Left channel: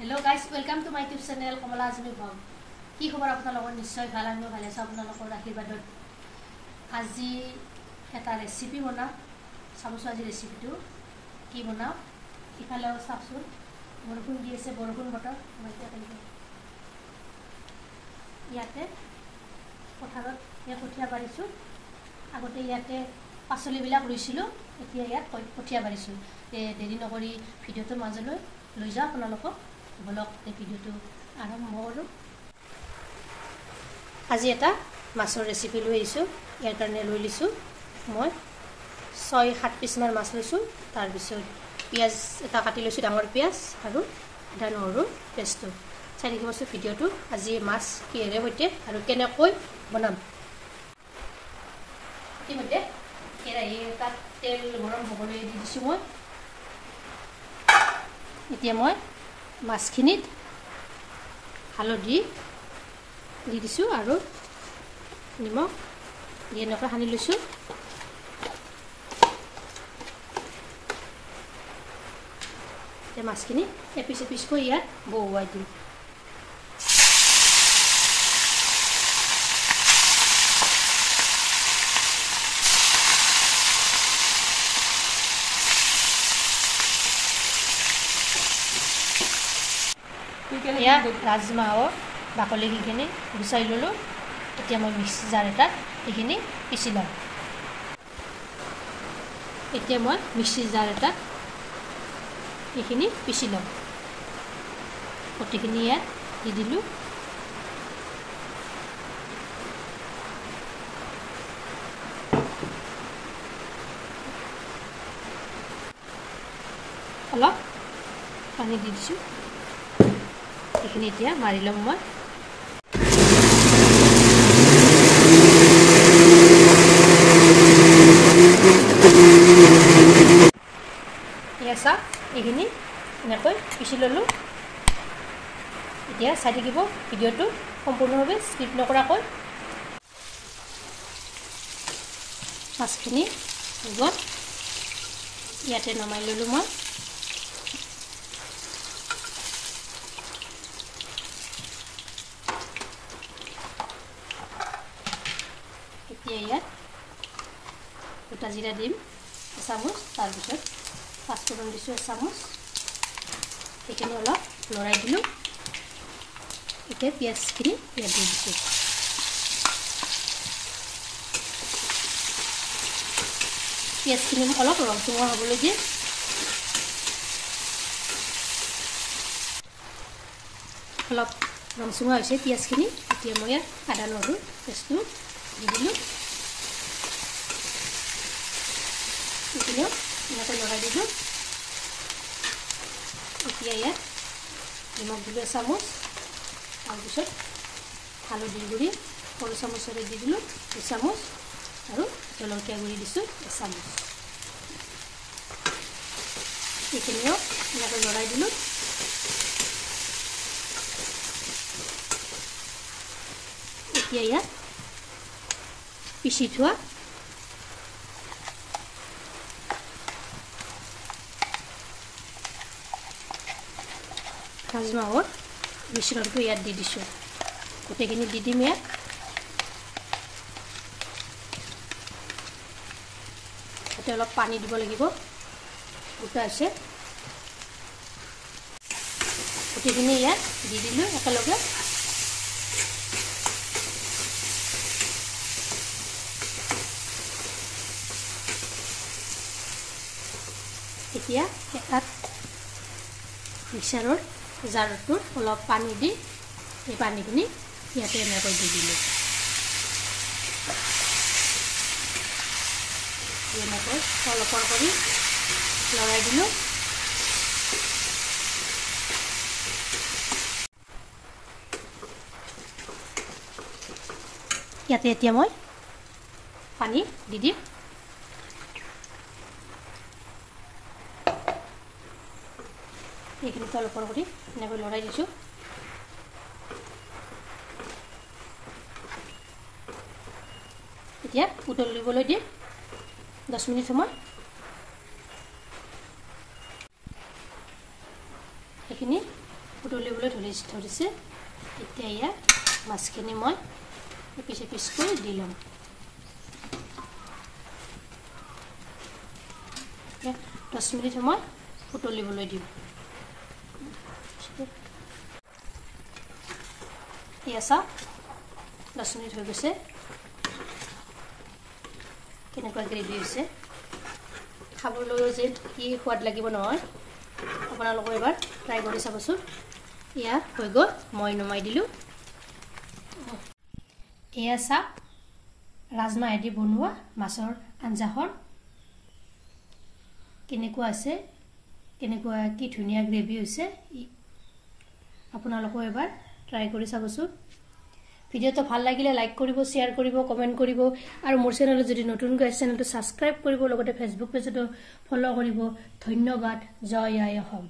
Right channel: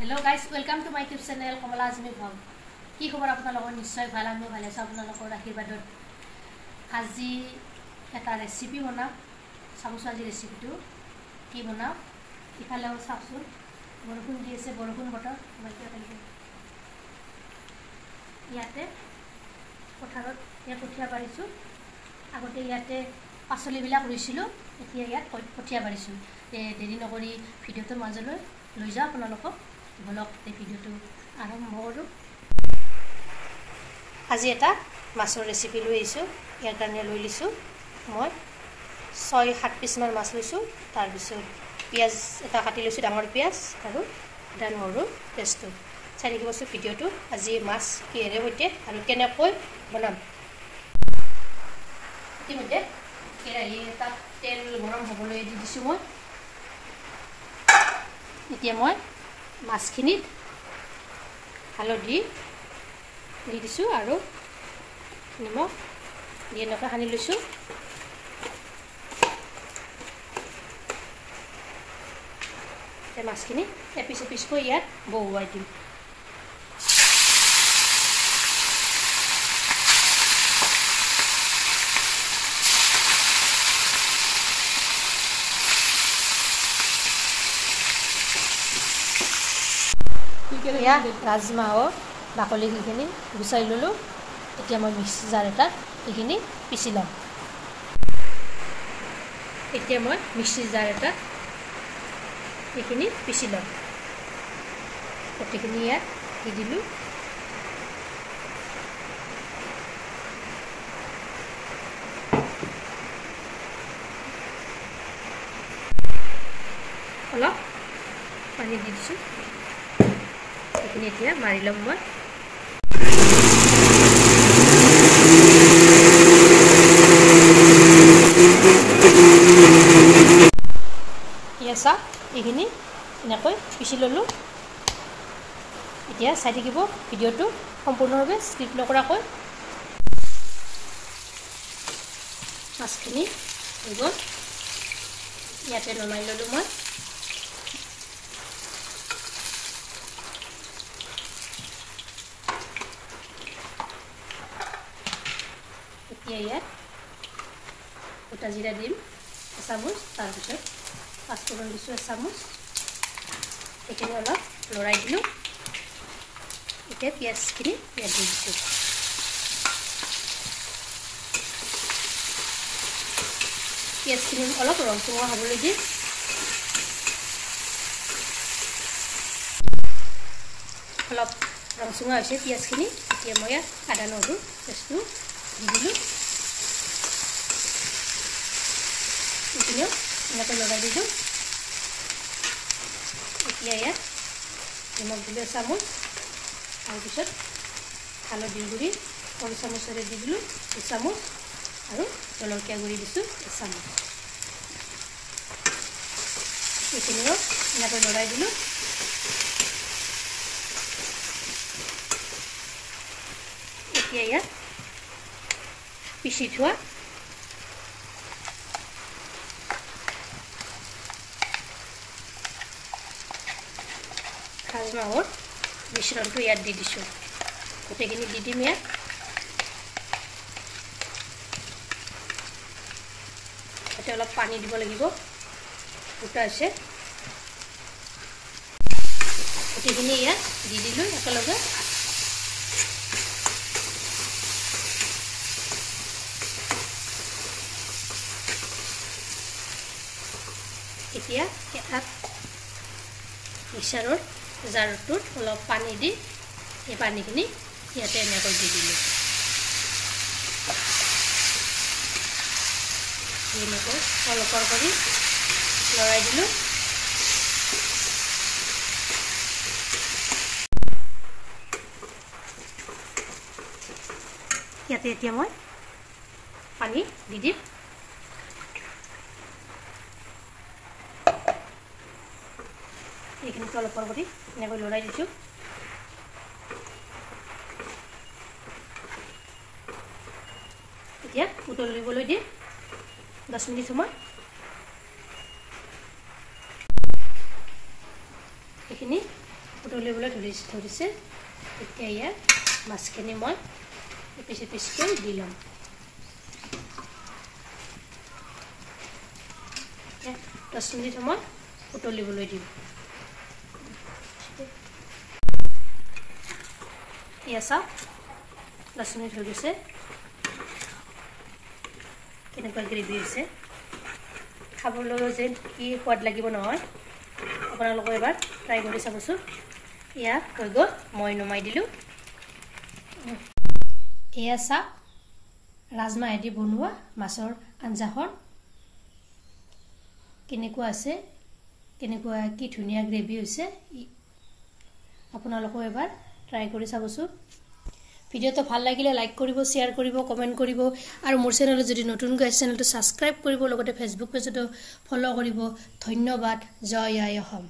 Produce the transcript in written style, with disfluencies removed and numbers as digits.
Hello guys, welcome to my YouTube channel Kamala Azmi Vlog. কি খবৰ আপোনালোকৰ নিশ্চয় ভাল আৰু ভালে আছে আপোনালোকৰ আশীৰ্বাদত আজি এটা ৰেচিপি বনাম চাবছো আজি ৰেচিপিটো কি বনাম ইফালেও চাবছো বৰষুণ দি আছে বৰষুণ বতৰ ইয়াতে পথাৰত কঠিয়া পাৰিছো আগতে ইয়াতে পাচলিবিলাক ৰুইছিলো এতিয়া ইয়াত কঠিয়া পাৰিছো দেৰি নকৰি ভিডিওটো মাজলৈ লৈ যাও আপোনালোকক ব্লগ ভিডিওটো আৰম্ভ কৰো আজি এটা মাছৰ ৰেচিপি লৈ আহিছো ইয়াৰ কাৰণে লৈ লিছো মই 6-7 পিস মান মাছ লৈছো তাৰ পিছত পিয়াজ এটা কাটি লৈছো ডাঙৰ পিয়াজ আৰু আদা নহৰু পেষ্ট চাই দেখিবছো ভিডিওটো আজি মাছ কিহেৰে হৈতে আৰু কেনেকৈ বনাম ইতিমধ্যে কেৰাহী তাত তেল গৰম হ'বলৈ দি দিছো মই এতিয়া মই মাছখিনিত হালধি দি দিছো আৰু নিমখ দি এনেকৈ সানি লৈছো এই মাছখিনি এপিচ এপিচকৈ ইয়াত বহুৱাই দিম ইয়াত ৰাজমাহৰ বাকলিখিনি গুচাই ললো এতিয়া মই মিক্সি জাৰ এটা এইখিনি পিচি লম এতিয়া মই মিক্সি জাৰ এটা এইখিনি পিচি লম গোটেইখিনি ইয়াত দি দিলো অলপ পানী দি দিছো এইখিনি এতিয়া মাৰি লম মই ইয়াসা এইখিনি এনেকৈ পিচি ললো এতিয়া চাই থাকিব ভিডিওটো সম্পূৰ্ণভাৱে স্কিপ নকৰাকৈ মাছখিনি ইয়াতে নমাই ললো মই ইয়াত দুটা জিৰা দিম চামুচ তাৰ পিছত পাঁচফোৰণ দিছো চামুচ এইখিনি অলপ লৰাই দিলো এতিয়া পিয়াজখিনি ইয়াত দি দিছো পিয়াজখিনি অলপ ৰংচঙা হ'বলৈ দি অলপ ৰংচঙা হৈছে পিয়াজখিনি এতিয়া মই ইয়াত আদা নহৰু পেষ্টটো দি দিলো এনেকৈ লগাই দিলো এতিয়া ইয়াত নিমখ দিলো চামুচ তাৰপিছত হালধিৰ গুড়ি সৰু চামুচেৰে দি দিলো এচামুচ আৰু জলকীয়া গুড়ি দিছো এচামুচ এইখিনি এনেকৈ লগাই দিলো এতিয়া ইয়াত পিচি থোৱা ৰাজমাহৰ মিশ্ৰণটো ইয়াত দি দিছো গোটেইখিনি দি দিম ইয়াত এতিয়া অলপ পানী দিব লাগিব গোটা আছে গোটেইখিনি ইয়াত দি দিলো একেলগে এতিয়া এটা মিক্সাৰৰ জাৰটোত অলপ পানী দি এই পানীখিনি ইয়াতে এনেকৈ দি দিলো এনেকৈ অলপ কৰি লৰাই দিলো ইয়াতে এতিয়া মই পানী দি দিম এইখিনি অলপ কৰি এনেকৈ লৰাই দিছো এতিয়া উতলিবলৈ দি 10 মিনিট সময় এইখিনি উতলিবলৈ ধৰিছে এতিয়া ইয়াত মাছখিনি মই পিছে পিছকৈ দি ল'ম 10 মিনিট সময় উতলিবলৈ দিম ইয়াছা 10 মিনিট হৈ গৈছে কেনেকুৱা গ্ৰেভি হৈছে খাবলৈ যে কি সোৱাদ লাগিব নহয় আপোনালোকে এবাৰ ট্ৰাই কৰি চাবচোন ইয়াত হৈ গ'ল মই নমাই দিলোঁ এয়া চাওক ৰাজমাহেদি বনোৱা মাছৰ আঞ্জাখন কেনেকুৱা আছে কেনেকুৱা কি ধুনীয়া গ্ৰেভি হৈছে আপোনালোকে এবাৰ ট্ৰাই কৰি চাবচোন ভিডিওটো ভাল লাগিলে লাইক কৰিব শেয়াৰ কৰিব কমেন্ট কৰিব আৰু মোৰ চেনেলত যদি নতুনকৈ আছে চেনেলটো সাবস্ক্ৰাইব কৰিব লগতে ফেসবুক পেজতো ফলো কৰিব ধন্যবাদ জয় আই অসম